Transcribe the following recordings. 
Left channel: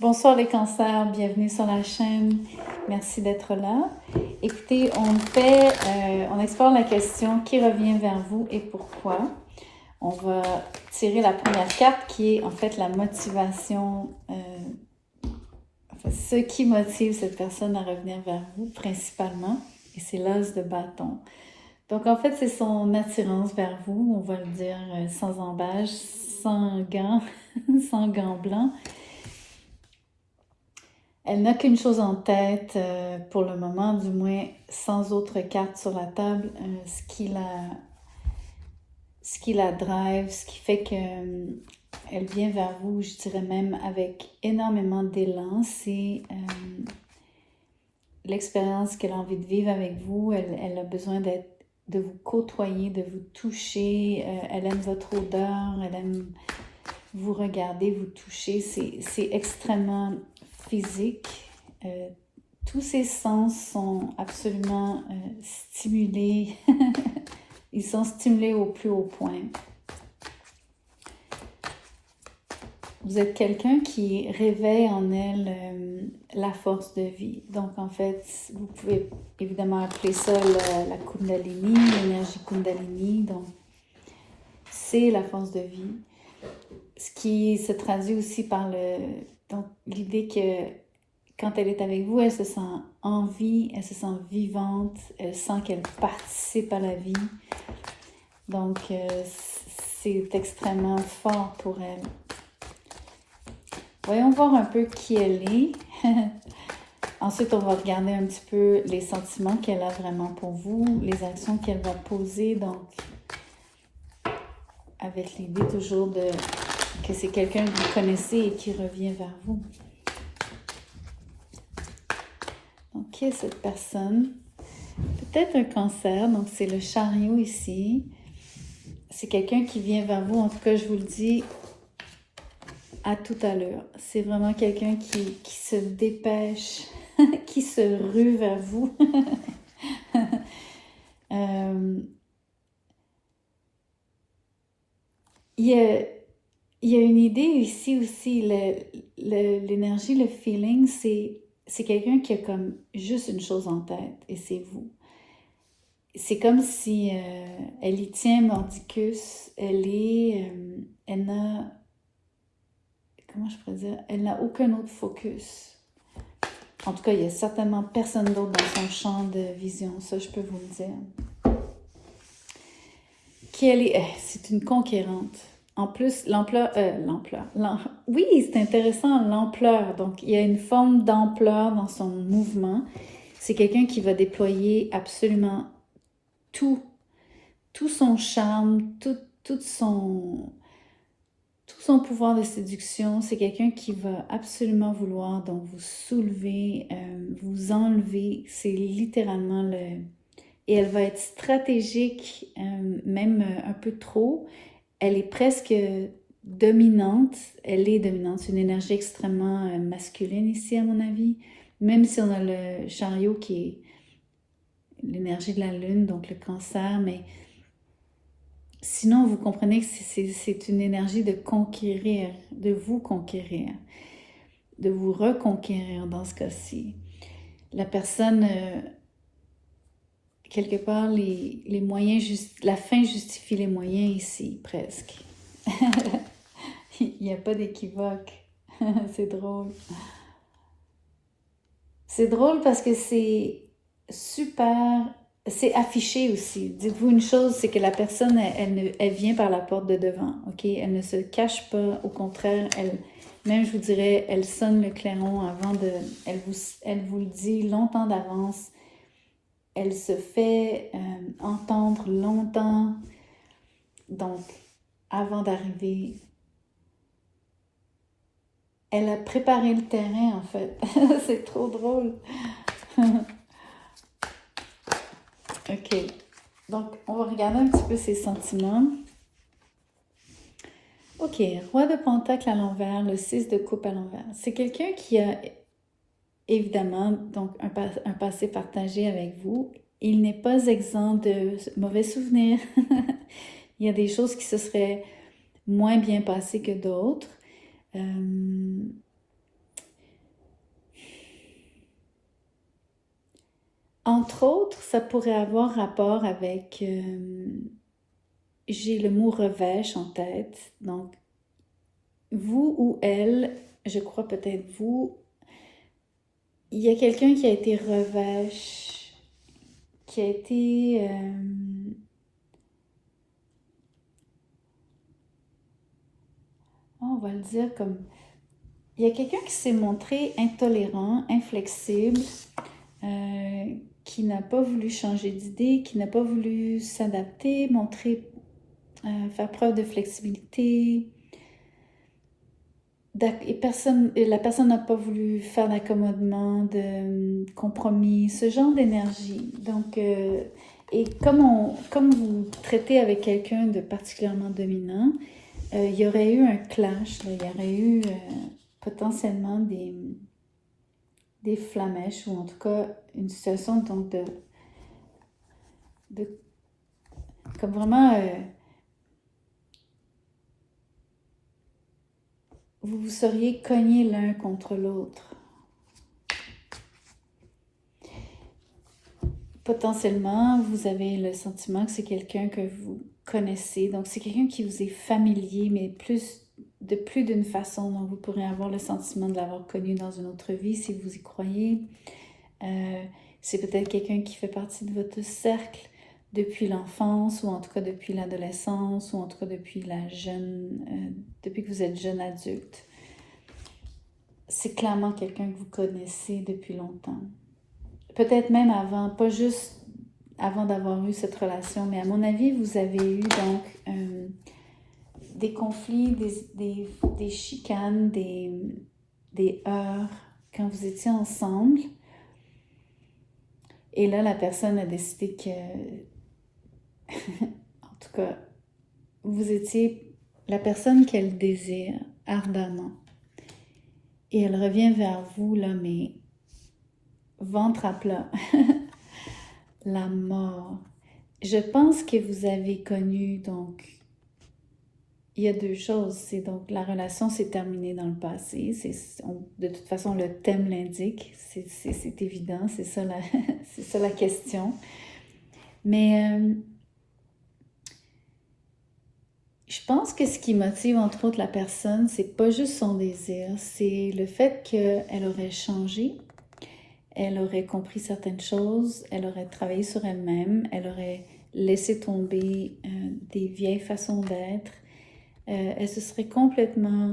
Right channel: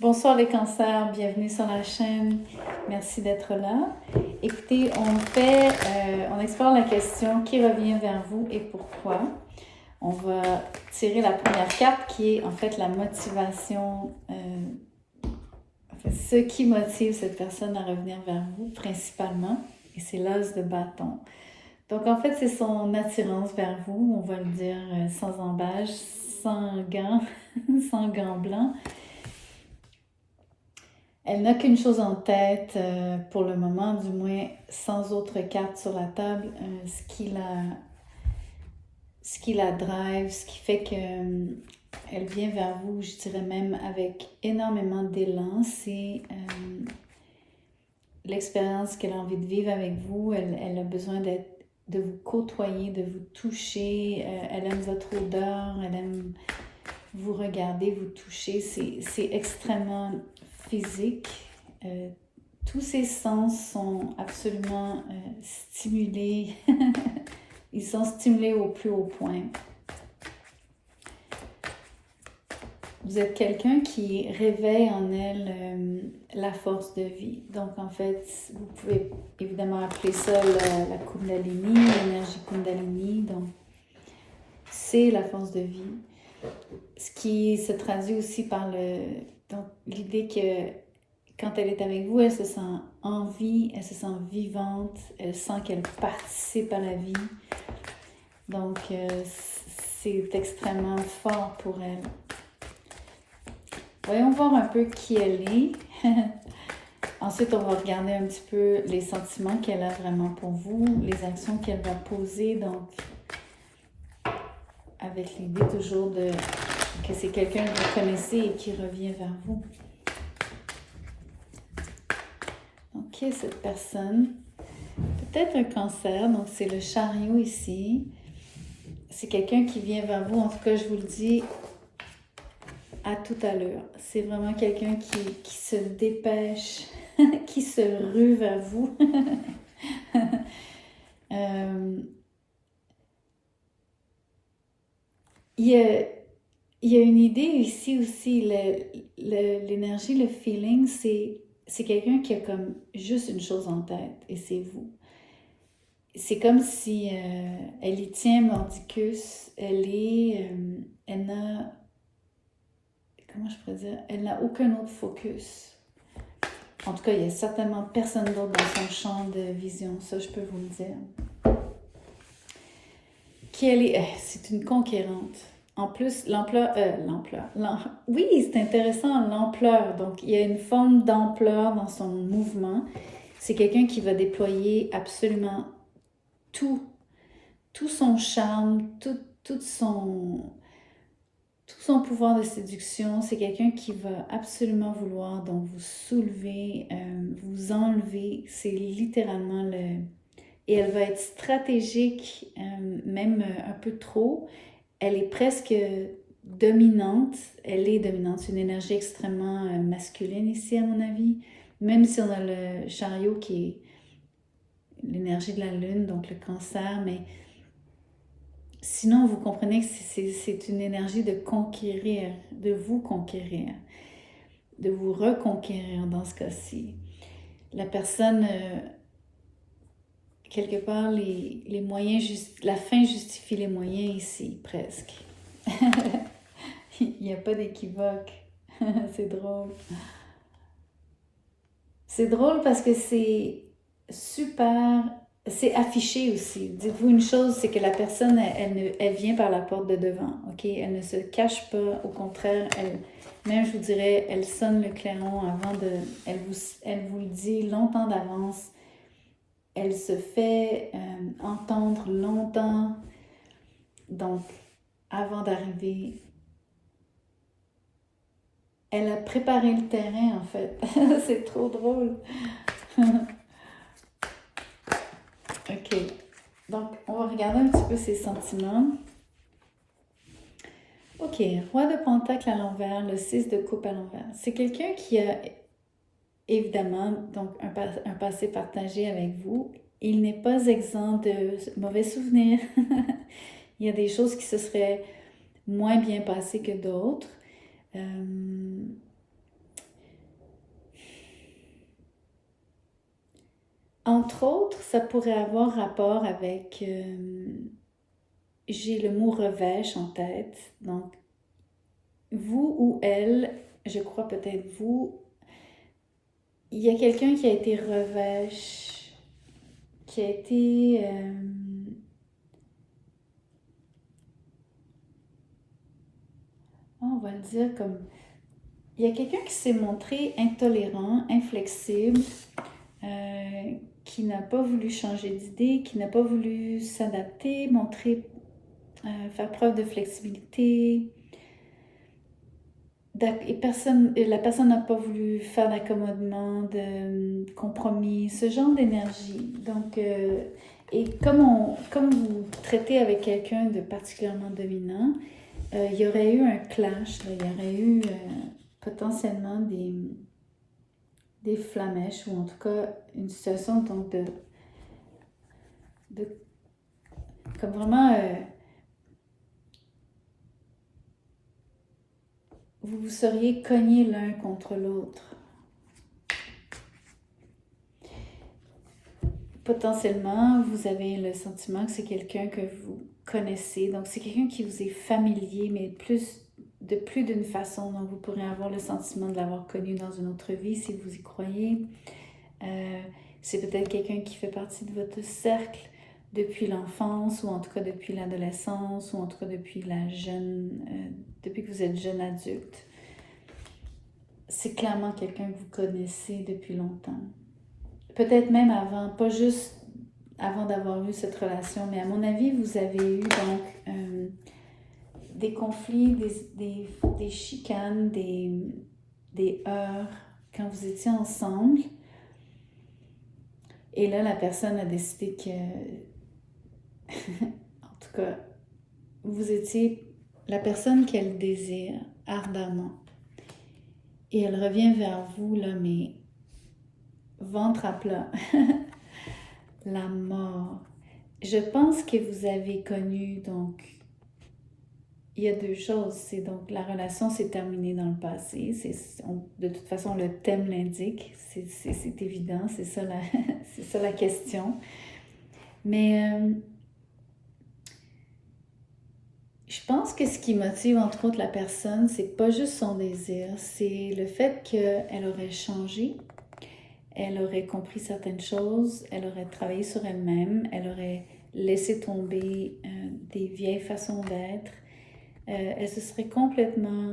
Bonsoir les cancers, bienvenue sur la chaîne. Merci d'être là. Écoutez, on explore la question qui revient vers vous et pourquoi. On va tirer la première carte qui est en fait la motivation, ce qui motive cette personne à revenir vers vous principalement, et c'est l'as de bâton. Donc en fait, c'est son attirance vers vous, on va le dire sans embâche, sans gants, sans gants blancs. Elle n'a qu'une chose en tête pour le moment, du moins sans autre carte sur la table, ce qui la drive, ce qui fait qu'elle vient vers vous, je dirais même avec énormément d'élan. C'est l'expérience qu'elle a envie de vivre avec vous. Elle a besoin de vous côtoyer, de vous toucher. Elle aime votre odeur, elle aime vous regarder, vous toucher. C'est extrêmement physique. Tous ses sens sont absolument stimulés. Ils sont stimulés au plus haut point. Vous êtes quelqu'un qui réveille en elle la force de vie. Donc, en fait, vous pouvez évidemment appeler ça la Kundalini, l'énergie Kundalini. Donc, c'est la force de vie. Ce qui se traduit aussi par l'idée que quand elle est avec vous, elle se sent en vie, elle se sent vivante, elle sent qu'elle participe à la vie. Donc, c'est extrêmement fort pour elle. Voyons voir un peu qui elle est. Ensuite, on va regarder un petit peu les sentiments qu'elle a vraiment pour vous, les actions qu'elle va poser. Donc, avec l'idée toujours que c'est quelqu'un que vous connaissez et qui revient vers vous. Donc, qui est cette personne? Peut-être un cancer, donc c'est le chariot ici. C'est quelqu'un qui vient vers vous, en tout cas je vous le dis à tout à l'heure. C'est vraiment quelqu'un qui se dépêche, qui se rue vers vous. Il y a une idée ici aussi, l'énergie, le feeling, c'est quelqu'un qui a comme juste une chose en tête, et c'est vous. C'est comme si elle y tient mordicus, elle n'a, comment je pourrais dire, elle n'a aucun autre focus. En tout cas, il n'y a certainement personne d'autre dans son champ de vision, ça je peux vous le dire. Qui elle est, c'est une conquérante. En plus, oui, c'est intéressant, l'ampleur. Donc, il y a une forme d'ampleur dans son mouvement. C'est quelqu'un qui va déployer absolument tout son charme, tout son pouvoir de séduction. C'est quelqu'un qui va absolument vouloir donc vous soulever, vous enlever. C'est littéralement Et elle va être stratégique, même un peu trop. Elle est presque dominante. Elle est dominante. C'est une énergie extrêmement masculine ici, à mon avis. Même si on a le chariot qui est l'énergie de la lune, donc le cancer, mais sinon, vous comprenez que c'est une énergie de conquérir, de vous conquérir, de vous reconquérir dans ce cas-ci. La personne, quelque part, les moyens, la fin justifie les moyens ici, presque. Il n'y a pas d'équivoque. C'est drôle. C'est drôle parce que c'est super, c'est affiché aussi. Dites-vous une chose, c'est que la personne, elle vient par la porte de devant, ok? Elle ne se cache pas, au contraire, même je vous dirais, elle sonne le clairon avant de, elle vous le dit longtemps d'avance. Elle se fait entendre longtemps, donc avant d'arriver. Elle a préparé le terrain, en fait. C'est trop drôle. OK. Donc, on va regarder un petit peu ses sentiments. OK. Roi de Pentacle à l'envers, le 6 de coupe à l'envers. C'est quelqu'un qui a évidemment donc un passé partagé avec vous. Il n'est pas exempt de mauvais souvenirs. Il y a des choses qui se seraient moins bien passées que d'autres. Entre autres, ça pourrait avoir rapport avec... j'ai le mot revêche en tête. Donc, vous ou elle, je crois peut-être vous, il y a quelqu'un qui a été revêche, qui a été... on va le dire comme... Il y a quelqu'un qui s'est montré intolérant, inflexible, qui n'a pas voulu changer d'idée, qui n'a pas voulu s'adapter, faire preuve de flexibilité. Et la personne n'a pas voulu faire d'accommodement, de compromis, ce genre d'énergie. Donc, et comme vous traitez avec quelqu'un de particulièrement dominant, il y aurait eu un clash, là, il y aurait eu potentiellement des flamèches, ou en tout cas une situation donc de comme vraiment vous vous seriez cognés l'un contre l'autre. Potentiellement, vous avez le sentiment que c'est quelqu'un que vous connaissez, donc c'est quelqu'un qui vous est familier, mais de plus d'une façon, donc vous pourrez avoir le sentiment de l'avoir connu dans une autre vie si vous y croyez. C'est peut-être quelqu'un qui fait partie de votre cercle depuis l'enfance, ou en tout cas depuis l'adolescence, ou en tout cas depuis depuis que vous êtes jeune adulte. C'est clairement quelqu'un que vous connaissez depuis longtemps. Peut-être même avant, pas juste avant d'avoir eu cette relation, mais à mon avis, vous avez eu donc des conflits, des chicanes, des heurts quand vous étiez ensemble. Et là, la personne a décidé que, en tout cas, vous étiez la personne qu'elle désire ardemment. Et elle revient vers vous, là, mais ventre à plat. La mort. Je pense que vous avez connu, donc, il y a deux choses. C'est donc, la relation s'est terminée dans le passé. De toute façon, le thème l'indique. C'est évident, c'est ça la question. Mais je pense que ce qui motive entre autres la personne, c'est pas juste son désir, c'est le fait qu'elle aurait changé, elle aurait compris certaines choses, elle aurait travaillé sur elle-même, elle aurait laissé tomber des vieilles façons d'être, elle se serait complètement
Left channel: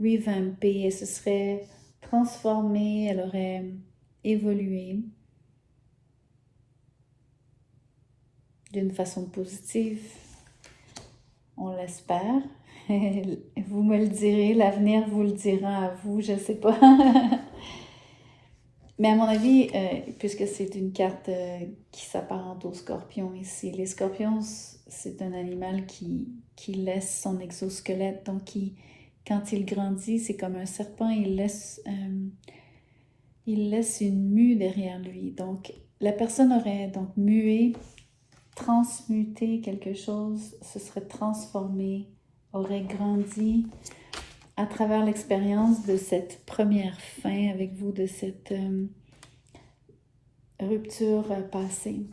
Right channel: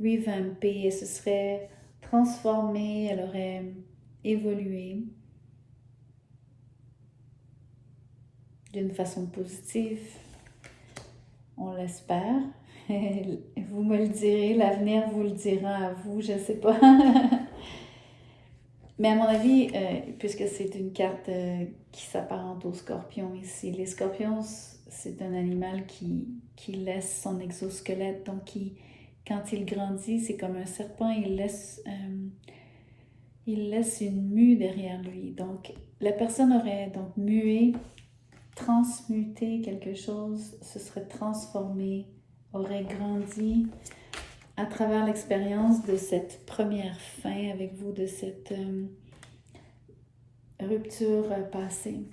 revampée, elle se serait transformée, elle aurait évolué d'une façon positive. On l'espère. Vous me le direz, l'avenir vous le dira à vous, je ne sais pas. Mais à mon avis, puisque c'est une carte qui s'apparente aux scorpions ici, les scorpions, c'est un animal qui laisse son exosquelette. Donc, quand il grandit, c'est comme un serpent, il laisse une mue derrière lui. Donc, la personne aurait donc mué, transmuté quelque chose, se serait transformé, aurait grandi à travers l'expérience de cette première fin avec vous, de cette rupture passée.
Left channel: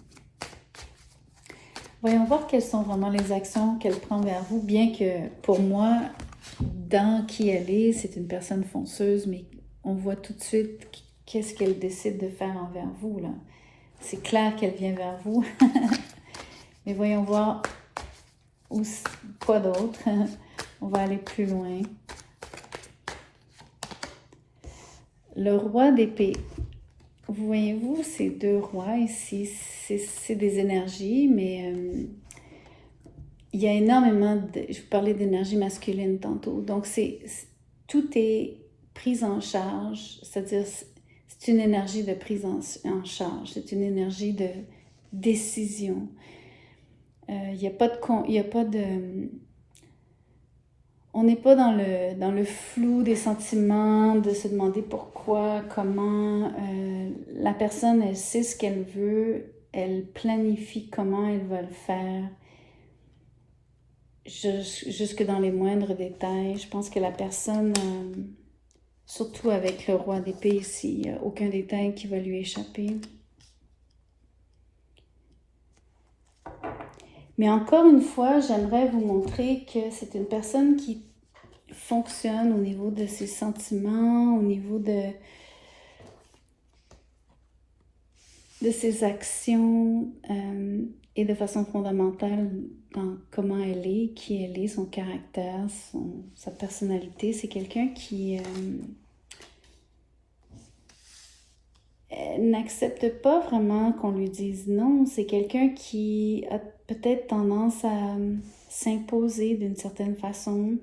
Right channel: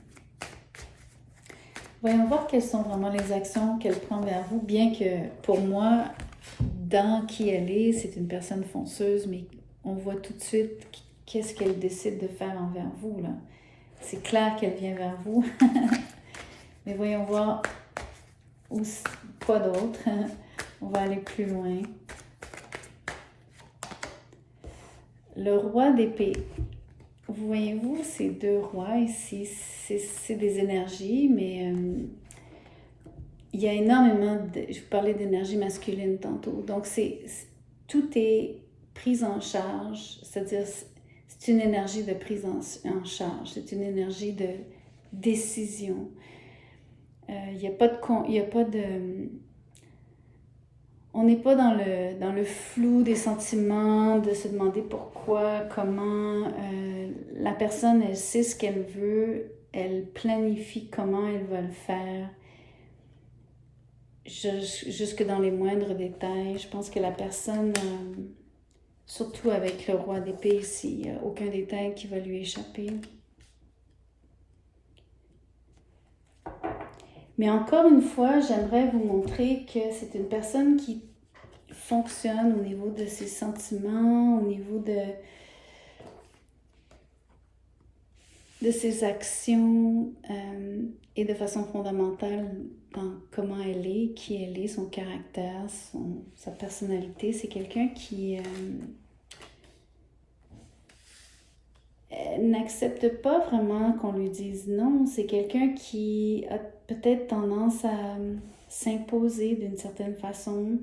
Voyons voir quelles sont vraiment les actions qu'elle prend vers vous, bien que pour moi, dans qui elle est, c'est une personne fonceuse, mais on voit tout de suite qu'est-ce qu'elle décide de faire envers vous, là. C'est clair qu'elle vient vers vous. Mais voyons voir quoi d'autre. On va aller plus loin. Le roi d'épée. Vous voyez-vous ces deux rois ici, c'est des énergies, mais il y a énormément je vous parlais d'énergie masculine tantôt. Donc, tout est pris en charge, c'est-à-dire c'est une énergie de prise en charge, c'est une énergie de décision. Il n'y a pas de... On n'est pas dans le flou des sentiments, de se demander pourquoi, comment. La personne, elle sait ce qu'elle veut, elle planifie comment elle va le faire, jusque dans les moindres détails. Je pense que la personne, surtout avec le roi d'épée ici, il n'y a aucun détail qui va lui échapper. Mais encore une fois, j'aimerais vous montrer que c'est une personne qui fonctionne au niveau de ses sentiments, au niveau de ses actions et de façon fondamentale dans comment elle est, qui elle est, son caractère, sa personnalité. C'est quelqu'un qui n'accepte pas vraiment qu'on lui dise non. C'est quelqu'un qui a peut-être tendance à s'imposer d'une certaine façon.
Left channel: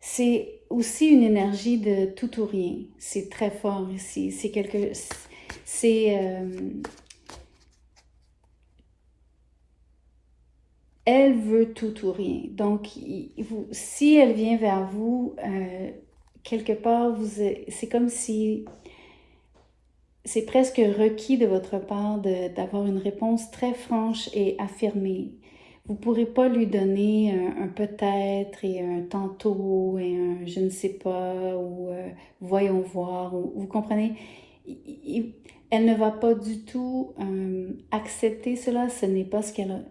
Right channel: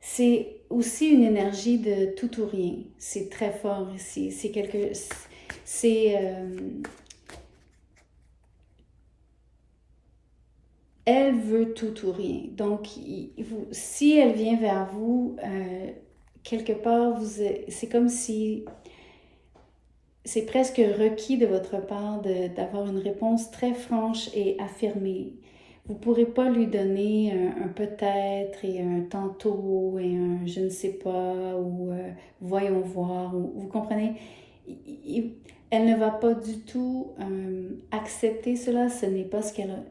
C'est aussi une énergie de tout ou rien. C'est très fort ici. C'est quelque... C'est... elle veut tout ou rien. Donc, si elle vient vers vous, quelque part, c'est comme si c'est presque requis de votre part d'avoir une réponse très franche et affirmée. Vous ne pourrez pas lui donner un peut-être et un tantôt et un je ne sais pas ou voyons voir. Vous comprenez? Elle ne va pas du tout accepter cela. Ce n'est pas ce qu'elle...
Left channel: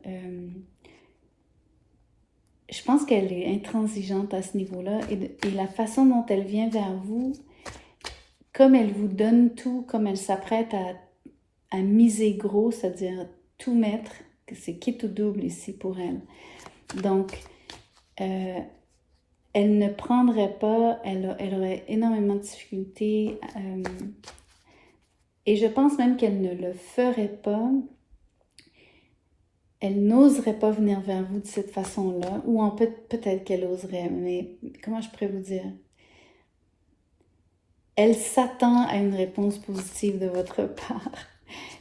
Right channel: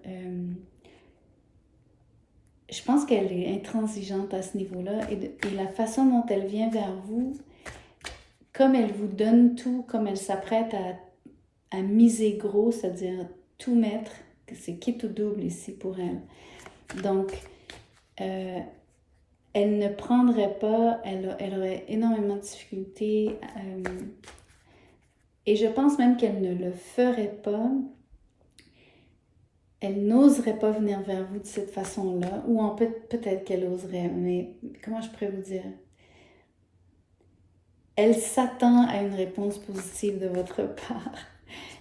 je pense qu'elle est intransigeante à ce niveau-là et la façon dont elle vient vers vous, comme elle vous donne tout, comme elle s'apprête à miser gros, c'est-à-dire tout mettre, c'est quitte ou double ici pour elle. Donc, elle ne prendrait pas, elle aurait énormément de difficultés et je pense même qu'elle ne le ferait pas. Elle n'oserait pas venir vers vous de cette façon-là, ou peut-être qu'elle oserait, mais comment je pourrais vous dire? Elle s'attend à une réponse positive de votre part.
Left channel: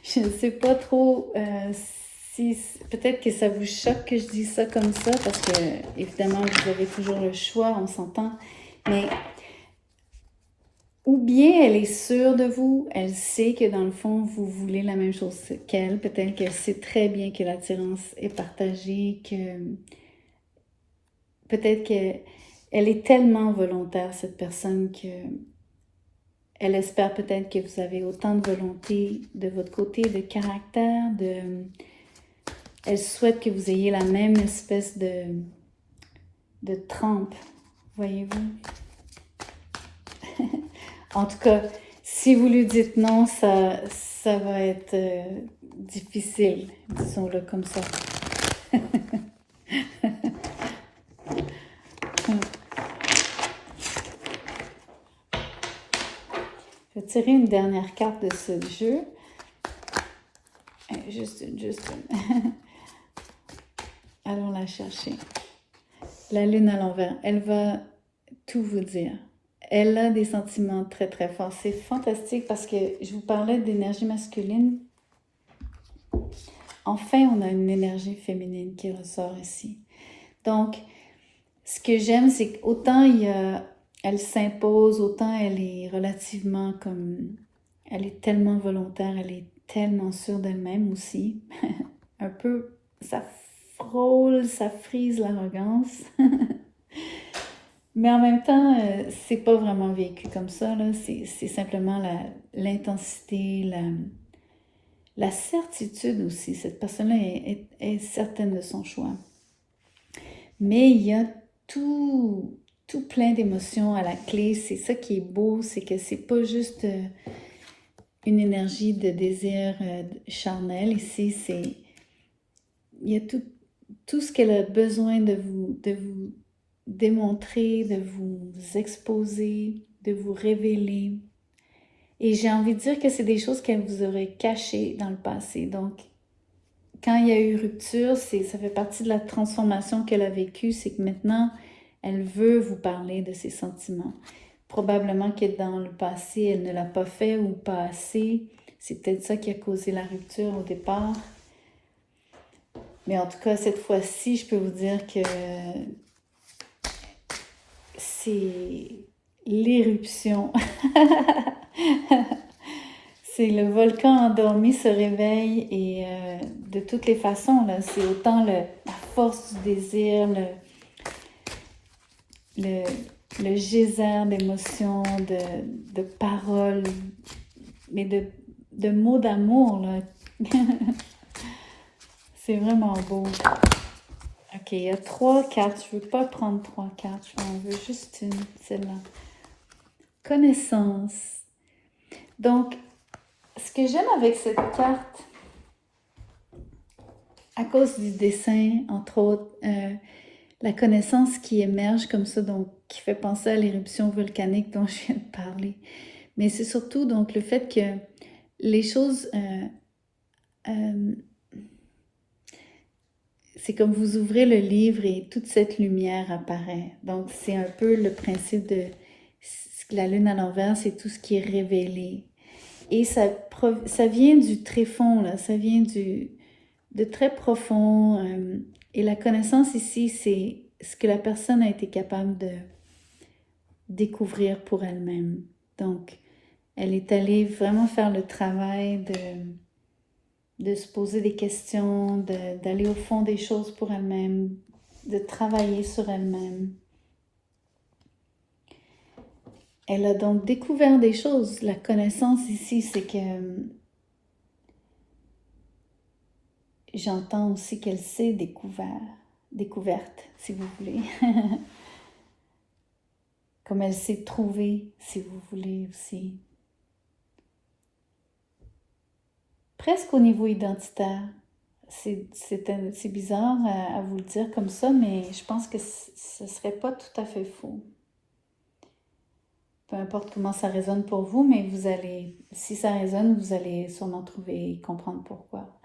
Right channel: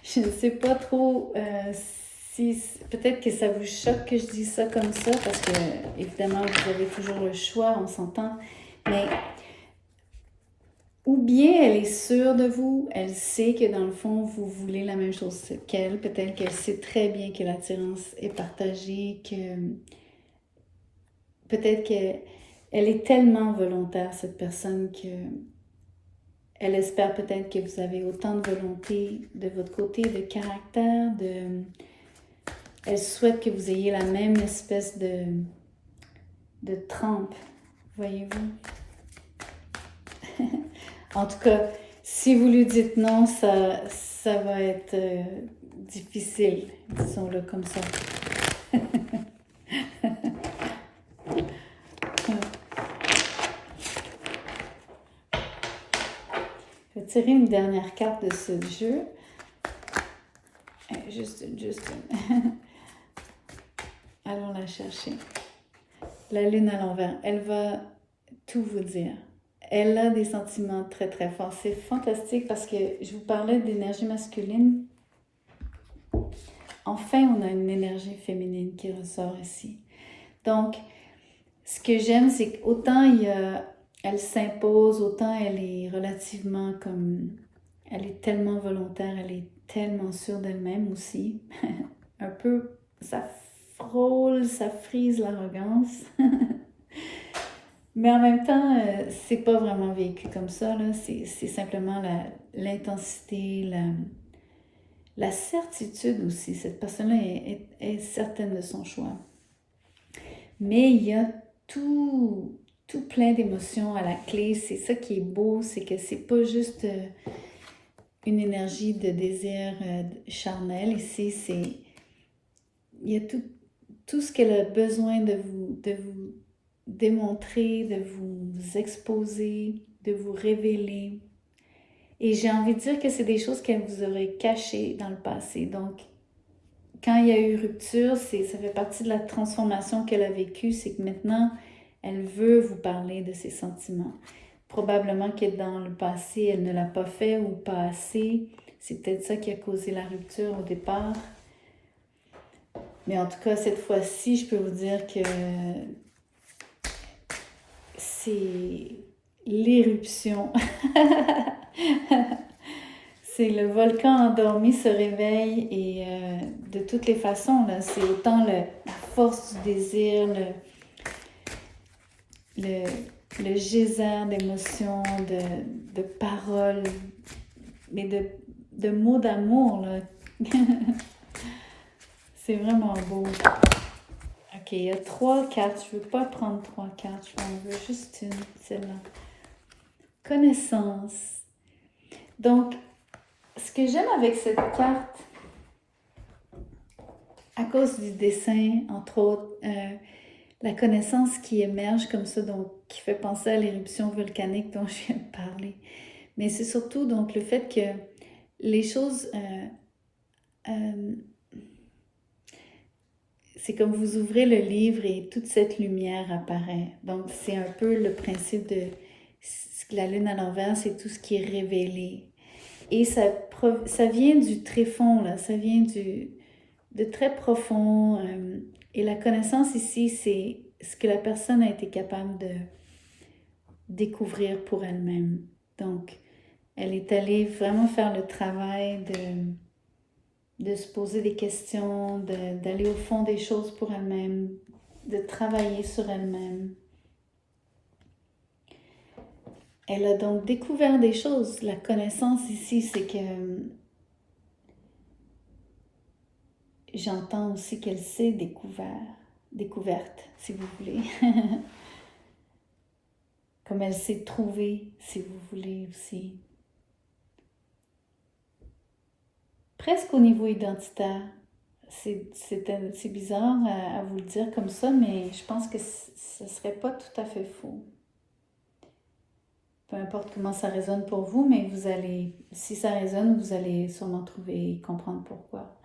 Je ne sais pas trop si... Peut-être que ça vous choque que je dise ça comme ça, parce que, évidemment, vous avez toujours le choix, on s'entend, mais... Ou bien elle est sûre de vous, elle sait que dans le fond, vous voulez la même chose qu'elle. Peut-être qu'elle sait très bien que l'attirance est partagée, que peut-être qu'elle est tellement volontaire, cette personne, que elle espère peut-être que vous avez autant de volonté de votre côté, de caractère, elle souhaite que vous ayez la même espèce de trempe, voyez-vous? En tout cas, si vous lui dites non, ça va être difficile, disons-le comme ça. Je vais tirer une dernière carte de ce jeu. Juste une. Allons la chercher. La lune à l'envers, elle va tout vous dire. Elle a des sentiments très très forts. C'est fantastique parce que je vous parlais d'énergie masculine. Enfin, on a une énergie féminine qui ressort ici. Donc, ce que j'aime, c'est qu'autant elle s'impose, autant elle est relativement comme... Elle est tellement volontaire, elle est tellement sûre d'elle-même aussi. Un peu, ça frôle, ça frise l'arrogance. Mais en même temps, c'est pas vraiment vécu comme ça, là. C'est simplement l'intensité, la certitude aussi. Cette personne-là est certaine de son choix. Mais il y a tout plein d'émotions à la clé. C'est ça qui est beau, c'est que c'est pas juste une énergie de désir charnel. Ici, il y a tout ce qu'elle a besoin de vous démontrer, de vous exposer, de vous révéler. Et j'ai envie de dire que c'est des choses qu'elle vous aurait cachées dans le passé. Donc, quand il y a eu rupture, ça fait partie de la transformation qu'elle a vécue, c'est que maintenant, elle veut vous parler de ses sentiments. Probablement que dans le passé, elle ne l'a pas fait ou pas assez. C'est peut-être ça qui a causé la rupture au départ. Mais en tout cas, cette fois-ci, je peux vous dire que c'est l'éruption. C'est le volcan endormi se réveille et de toutes les façons, c'est autant la force du désir, le geyser d'émotions, de paroles, mais de mots d'amour, là. C'est vraiment beau. Ok, il y a 3 cartes. Je ne veux pas prendre 3 cartes. J'en veux juste une, celle-là. Connaissance. Donc, ce que j'aime avec cette carte, à cause du dessin, entre autres, la connaissance qui émerge comme ça, donc qui fait penser à l'éruption volcanique dont je viens de parler. Mais c'est surtout donc le fait que les choses... c'est comme vous ouvrez le livre et toute cette lumière apparaît. Donc, c'est un peu le principe de la lune à l'envers, c'est tout ce qui est révélé. Et ça vient du tréfonds, là, ça vient de très profond. Et la connaissance ici, c'est ce que la personne a été capable de découvrir pour elle-même. Donc, elle est allée vraiment faire le travail de se poser des questions, d'aller au fond des choses pour elle-même, de travailler sur elle-même. Elle a donc découvert des choses. La connaissance ici, c'est que j'entends aussi qu'elle s'est découverte, si vous voulez. Comme elle s'est trouvée, si vous voulez aussi. Presque au niveau identitaire. C'est bizarre à vous le dire comme ça, mais je pense que ce ne serait pas tout à fait faux. Peu importe comment ça résonne pour vous, mais vous allez, si ça résonne, vous allez sûrement trouver et comprendre pourquoi.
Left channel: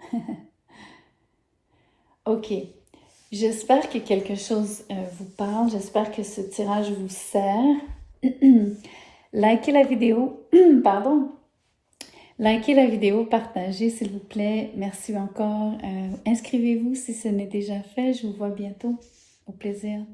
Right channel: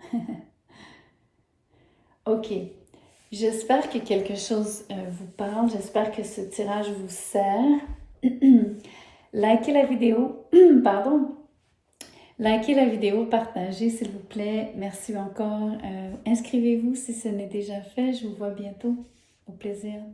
Ok, j'espère que quelque chose vous parle, j'espère que ce tirage vous sert. Likez la vidéo, pardon. Likez la vidéo, partagez s'il vous plaît. Merci encore. Inscrivez-vous si ce n'est déjà fait. Je vous vois bientôt. Au plaisir.